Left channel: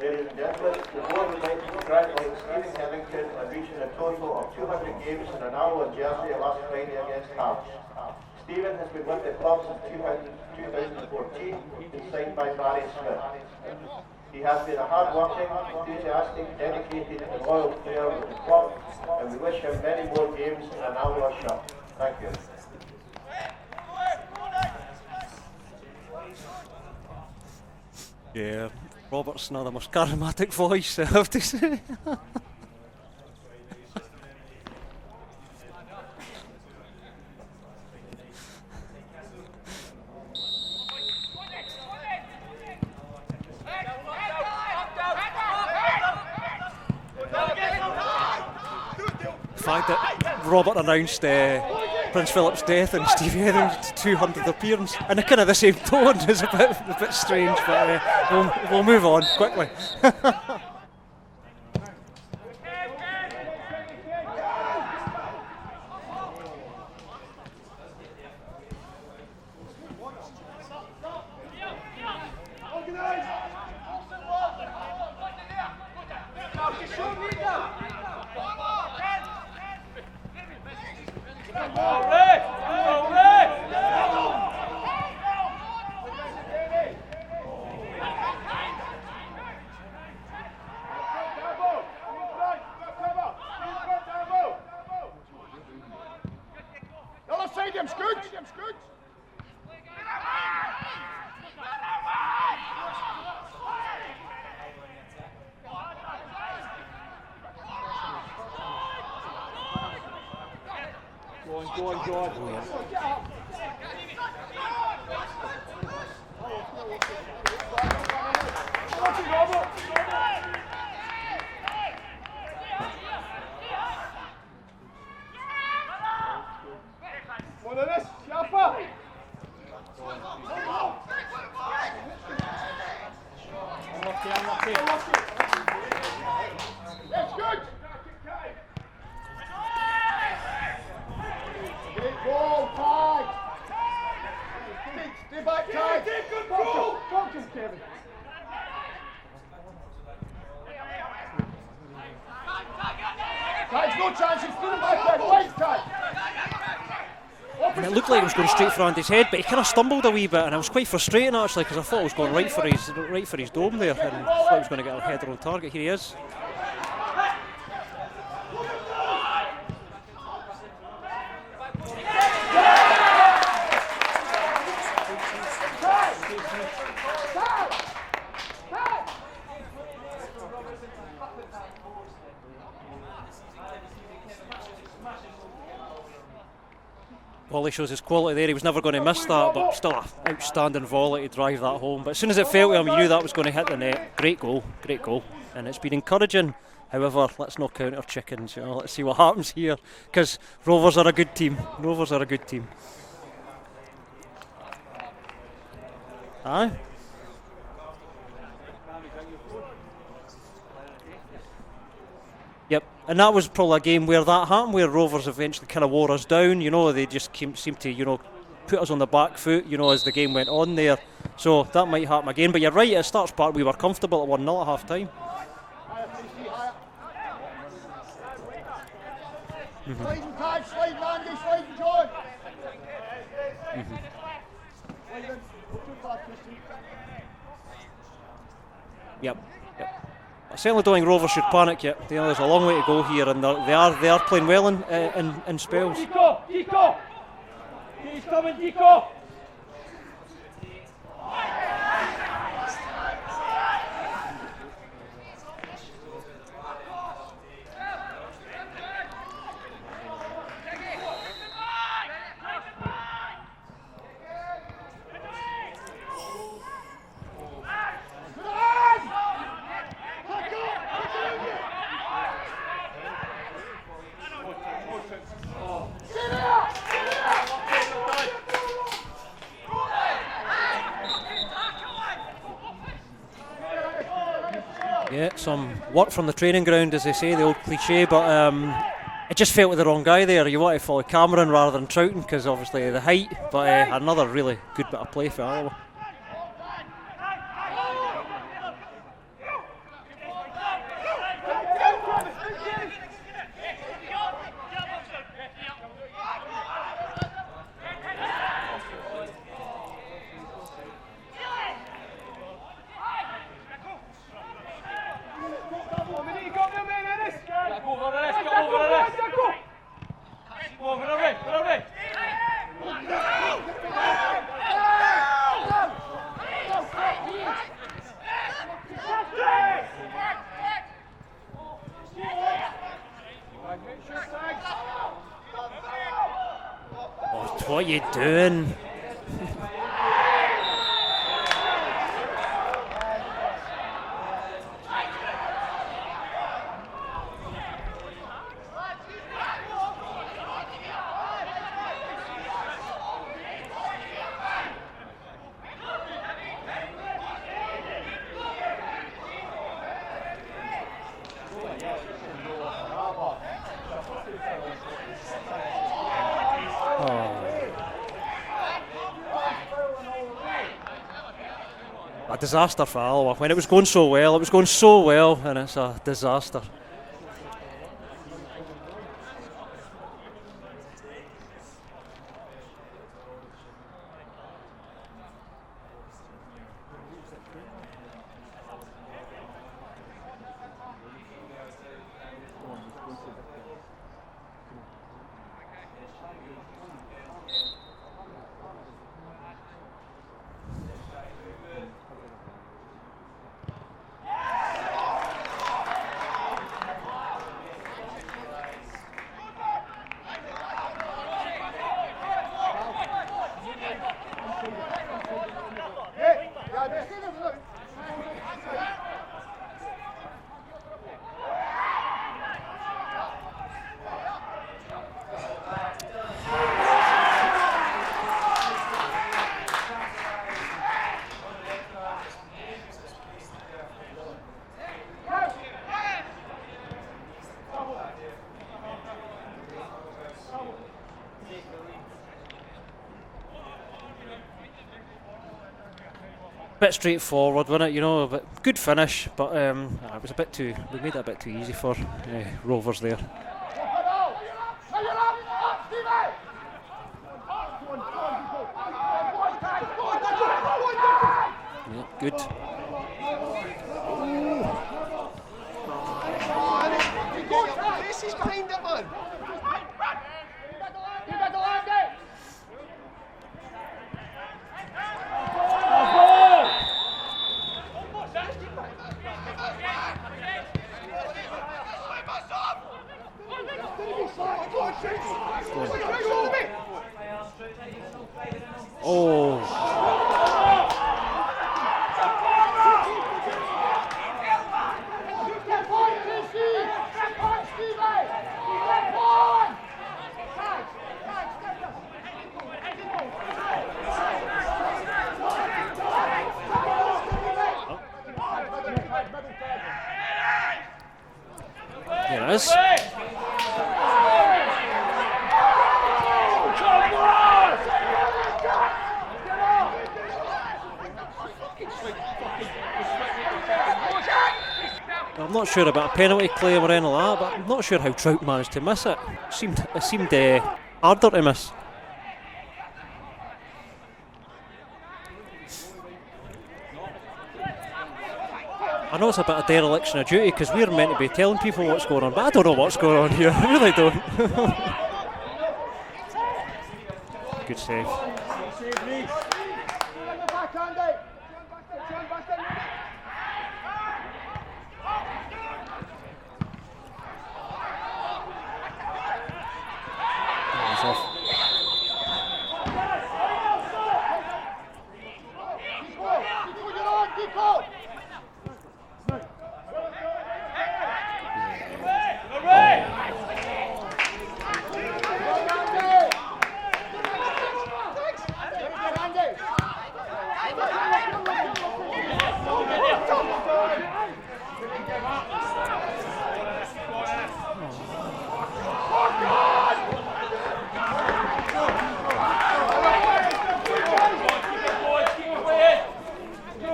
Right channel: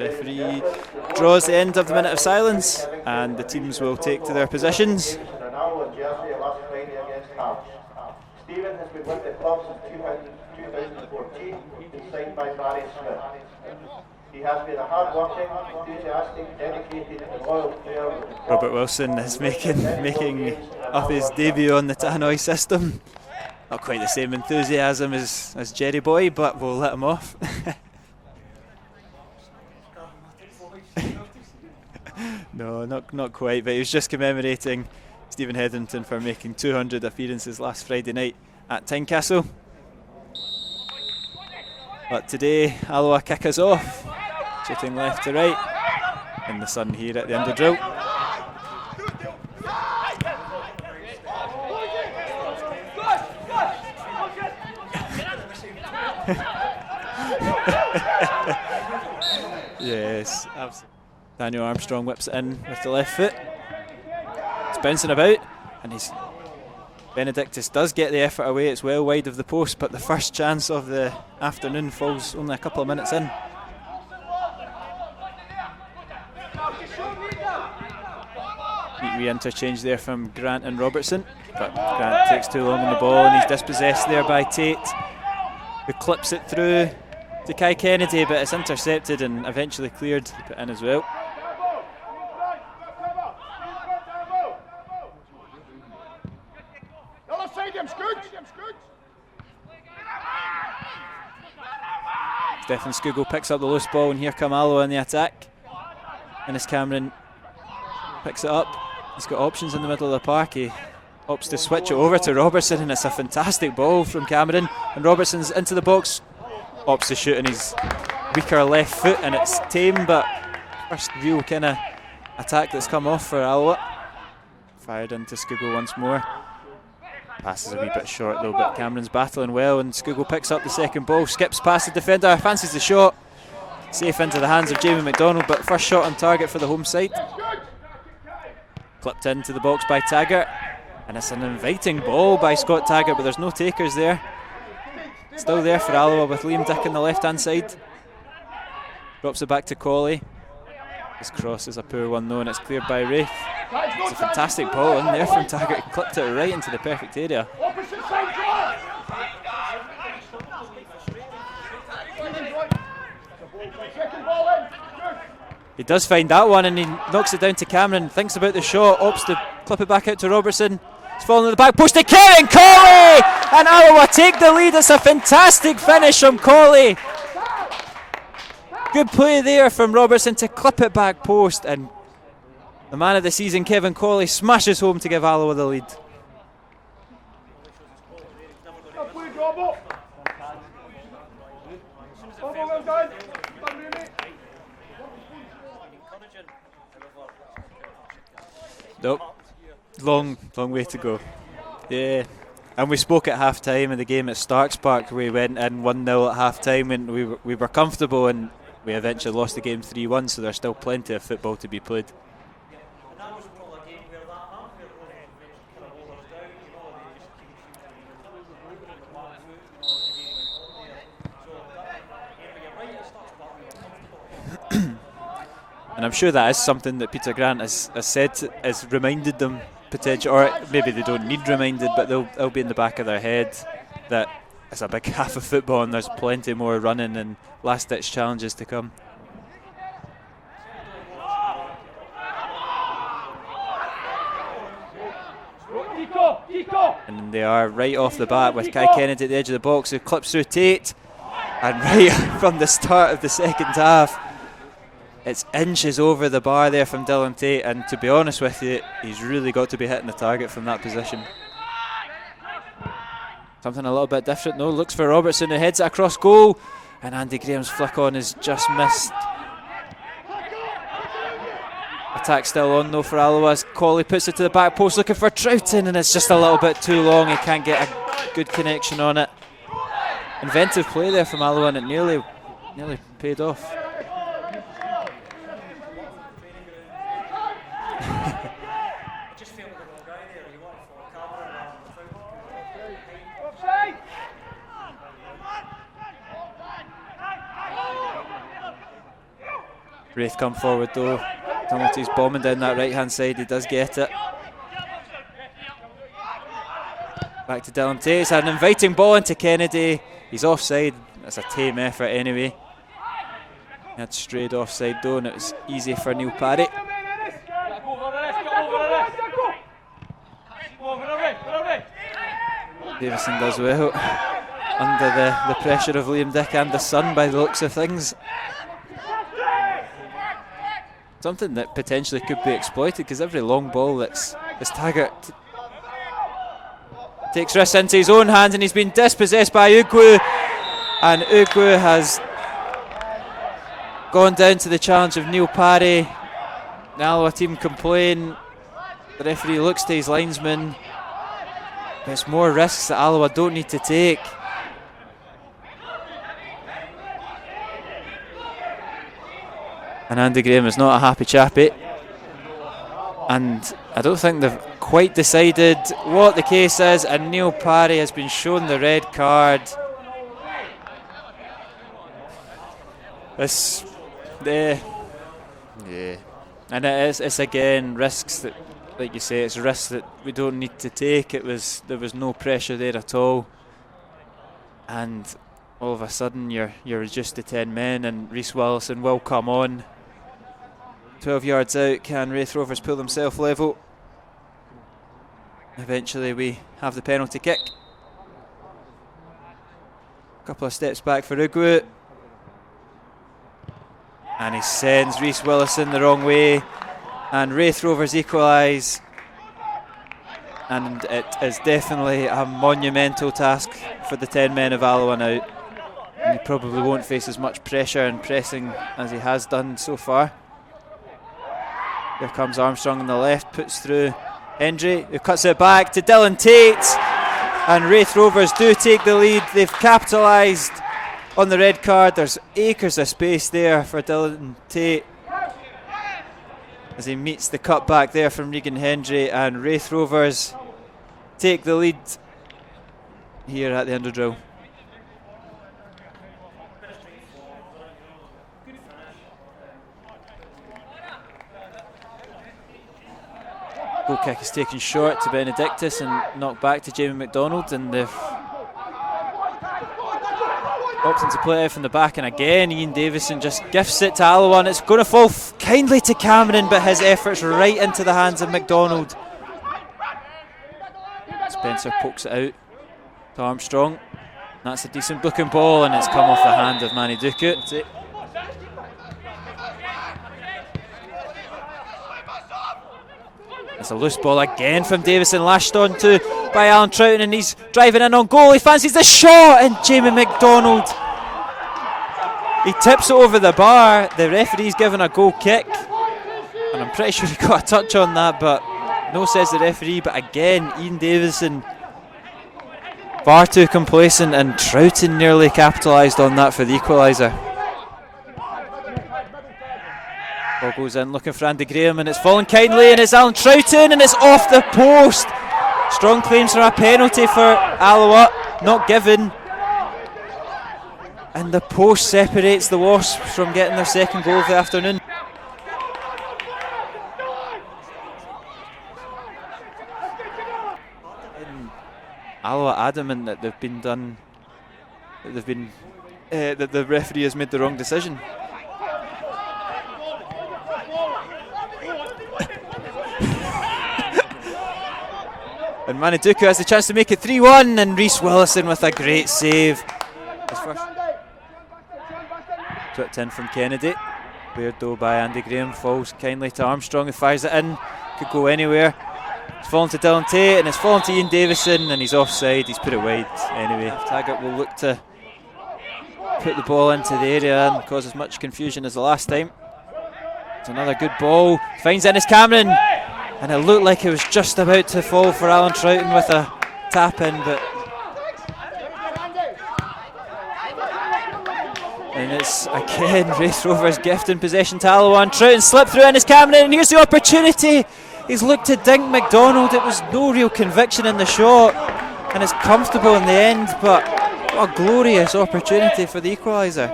Referee draws the end of the minute of silence, and the teams will take to their positions. Stephen has been with the club since 2014, been signed by Barry Smith. He has been a hard-working, enthusiastic, dedicated and loyal player. Robert Wilson is making up his debut on the Tannoy system. Not quite the same enthusiasm as Jerry Boy, but we'll let him off. Yeah, Robert's not the most charismatic voice, I have to say. No, not quite, but he was just commemorating Stephen Hetherington for making 200 appearances last Friday night at Tynecastle. But today, Alloa kick us off, shooting left to right in the sun here at the end of drill. The fact that Robert announced Prince Philip's death and Steve Hetherington's 200th appearance in a kind of the same tone is a bit strange, but we'll move on quickly. Yes, Daniel Armstrong whips it in with the left foot. It's bouncing about, and Benedictus does get the effort away. It's well wide of the post, but the first chance of the afternoon falls only a couple of minutes in. Re-interchange there from Grant and Robertson, but Grant takes too long on the ball and he's dispossessed there by Tate, who clips it through to Kai Kennedy, but it's intercepted and eventually cleared to put in as well. Stefan Skugel picks up the loose ball, and here come Alloa in the attack. Ennis Cameron picks it up. He's got options in the middle of the park. He opts to switch it over to Robertson, and it's a fantastic ball from Cameron. And Robertson's into the box, opts to shoot on his weaker left foot, and it's tame, but first real kind of attack that's come off for Alloa. Fired into Skugel once more. Pass is a wee bit short though, but Cameron's battling well, and Skugel picks up the second ball, skips past the defender, fancies the shot. Safe into the hands of Jamie McDonald, but first shot on target for the home side. Flipped into the box by Taggart, and it's an inviting ball by Scott Taggart, but there's no takers there. Still there for Alloa with Liam Dick on the left hand side. Drops it back to Colley. His cross is a poor one though, and it's cleared by Raith. It's a fantastic ball in there from Taggart. He clipped it right into the perfect area. And it looked like it was going straight for Andy's head, but he kind of stumbled a wee bit, and it was quite frustrating actually, because I thought it was going right for his dome there, and I thought he was going to get a header on target. Here he does find that one, and he knocks it down to Cameron, thinks about the shot, opts to clip it back out to Robertson. It's falling in the back post to Kevin Colley, and Alloa take the lead. It's a fantastic finish from Colley. Good play there from Robertson to clip it back post, and the man of the season, Kevin Colley, smashes home to give Alloa the lead. Colley shows his quality there. He was never going to miss that, but still an outstanding volley to drive that home. But as soon as it fell to him, you knew that was going to hit the net. Great goal, and it's been encouraging. However, let's not count our chickens. Let's see what happens here, because Rovers are a good team. Rovers are a good team. And we spoke at half time in the game at Starks Park. We went in 1-0 at half time, and we were comfortable, and we eventually lost the game 3-1, so there's still plenty of football to be played. Yep, and that was probably a game where that happened, where Rovers eventually kind of wore us down. They just seemed to, put us on the back foot, as the game went on there. So that might happen again. But you're right, at Starks Park we were comfortable at 1-0 at half time. And I'm sure that is something that Peter Grant has said, has reminded them potentially, or maybe they don't need reminded, but they'll be in the back of their head that it's a big half of football and there's plenty more running and last-ditch challenges to come. Yep. I certainly don't think Rovers should panic yet. There's a long way to go here, and they are playing well in spells. And they are right off the bat with Kai Kennedy at the edge of the box, who clips through Tate, and right from the start of the second half, it's inches over the bar there from Dylan Tate, and to be honest with you, he's really got to be hitting the target from that position. Something a little bit different though, looks for Robertson, who heads it across goal, and Andy Graham's flick on is just missed. Attack still on though for Alloa as Colley puts it to the back post looking for Troughton, and it's just a little bit too long. He can't get a good connection on it. Inventive play there from Alloa, and it nearly paid off. Yeah, some work from the training ground, as they say, the old cliche, but it just felt with the wrong guy there. You want to follow Cameron rather than Troughton because obviously the height, but another really good bit of play for Alloa. Raith come forward though. Donalty's bombing down that right hand side, he does get it. Back to Dylan Tate, it's an inviting ball into Kennedy. He's offside, that's a tame effort anyway. He had strayed offside though, and it was easy for Neil Parry. Davison does well, under the pressure of Liam Dick and the son by the looks of things. Something that potentially could be exploited, because every long ball that's Taggart takes risks into his own hands, and he's been dispossessed by Ugwu, and Ugwu has gone down to the challenge of Neil Parry. The Alloa team complain, the referee looks to his linesman. It's more risks that Alloa don't need to take. And Andy Graham is not a happy chappy, and I don't think they've quite decided what the case is, and Neil Parry has been shown the red card. A disaster for Alloa, and it was going so well, and it's a disaster. And it's again risks that, like you say, it's risks that we don't need to take. There was no pressure there at all, and all of a sudden you're reduced to 10 men, and Rhys Willison will come on. 12 yards out, can Raith Rovers pull themselves level? Eventually we have the penalty kick. A couple of steps back for Ugwu, and he sends Rhys Willison the wrong way, and Raith Rovers equalise, and it is definitely a monumental task for the 10 men of Alloa now. And he probably won't face as much pressure and pressing as he has done so far. Here comes Armstrong on the left, puts through Hendry, who cuts it back to Dylan Tate, and Raith Rovers do take the lead. They've capitalised on the red card. There's acres of space there for Dylan Tate as he meets the cut back there from Regan Hendry, and Raith Rovers take the lead here at the Underdrill. Bit straightforward, wasn't it? You know, but good finish, but it was a bit too. We made it a bit too easy for Rovers there. Goal kick is taken short to Benedictus and knocked back to Jamie McDonald, and they've opted to play out from the back, and again Ian Davison just gifts it to Alloa, and it's going to fall kindly to Cameron, but his efforts right into the hands of McDonald. Spencer pokes it out to Armstrong. That's a decent looking ball, and it's come off the hand of Manny Duckett. It's a loose ball again from Davison, lashed onto by Alan Troughton, and he's driving in on goal. He fancies the shot, and Jamie McDonald, he tips it over the bar. The referee's given a goal kick, and I'm pretty sure he got a touch on that, but no, says the referee. But again, Ian Davison far too complacent, and Troughton nearly capitalised on that for the equaliser. Ball goes in looking for Andy Graham, and it's fallen kindly, and it's Alan Troughton, and it's off the post. Strong claims for a penalty for Alloa, not given, and the post separates the Wasps from getting their second goal of the afternoon. I'm not sure about a penalty claim or anything like that, but I'm not sure how Trout managed to miss it. It seemed harder to miss. Alloa adamant that that the referee has made the wrong decision. I know it's a bit of dereliction of duty, because we're meant to be telling people what's going on, but I don't know what's going on here. I really don't. And Maniduku has the chance to make it 3-1, and Rhys Willison with a great save. Tripped in from Kennedy. Cleared though by Andy Graham, falls kindly to Armstrong, who fires it in. Could go anywhere. It's fallen to Dylan Tate, and it's fallen to Ian Davison, and he's offside. He's put it wide anyway. Taggart will look to put the ball into the area and cause as much confusion as the last time. It's another good ball. Finds Ennis Cameron, and it looked like it was just about to fall for Alan Troughton with a tap in, but and it's again Raith Rovers gifting possession to Alloa, and Troughton slipped through Ennis Cameron, and here's the opportunity. He's looked to dink McDonald. It was no real conviction in the shot, and it's comfortable in the end, but what a glorious opportunity for the equaliser.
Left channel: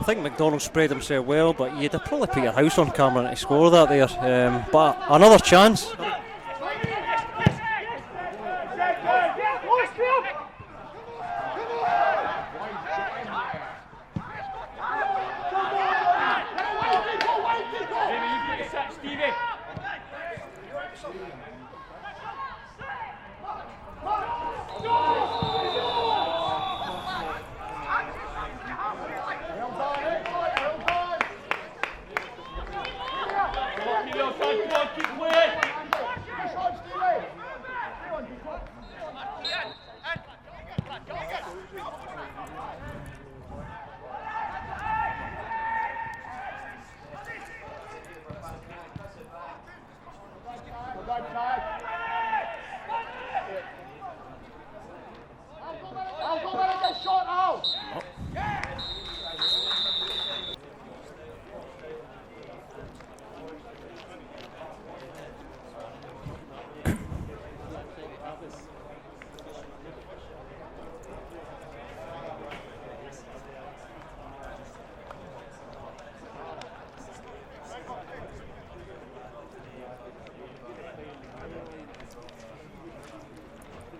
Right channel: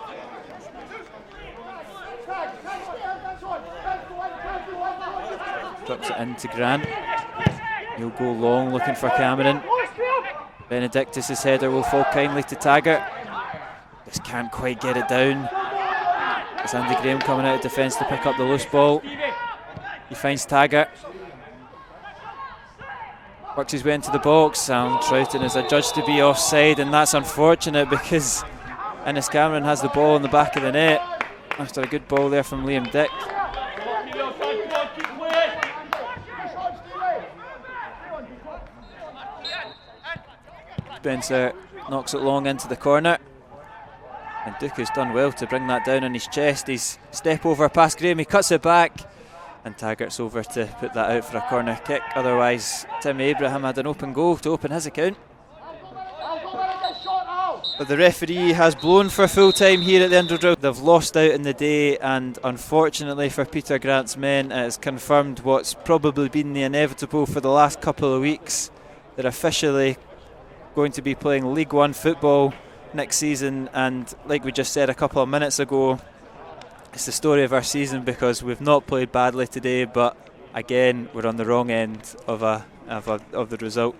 I think McDonald sprayed himself well, but you'd have probably put your house on Cameron to score that there. But another chance. Puts it into Grant. He'll go long looking for Cameron. Benedictus' header will fall kindly to Taggart. Just can't quite get it down. It's Andy Graham coming out of defence to pick up the loose ball. He finds Taggart. Works his way into the box. Alan Troughton is adjudged to be offside, and that's unfortunate because Ennis Cameron has the ball in the back of the net after a good ball there from Liam Dick. Spencer knocks it long into the corner, and Duke has done well to bring that down on his chest. He's step over past Graham, he cuts it back, and Taggart's over to put that out for a corner kick. Otherwise, Timmy Abraham had an open goal to open his account. But the referee has blown for full time here at the Underdrill. They've lost out in the day, and unfortunately for Peter Grant's men, it has confirmed what's probably been the inevitable for the last couple of weeks. They're officially going to be playing League One football next season, and like we just said a couple of minutes ago, it's the story of our season because we've not played badly today, but again we're on the wrong end of the result.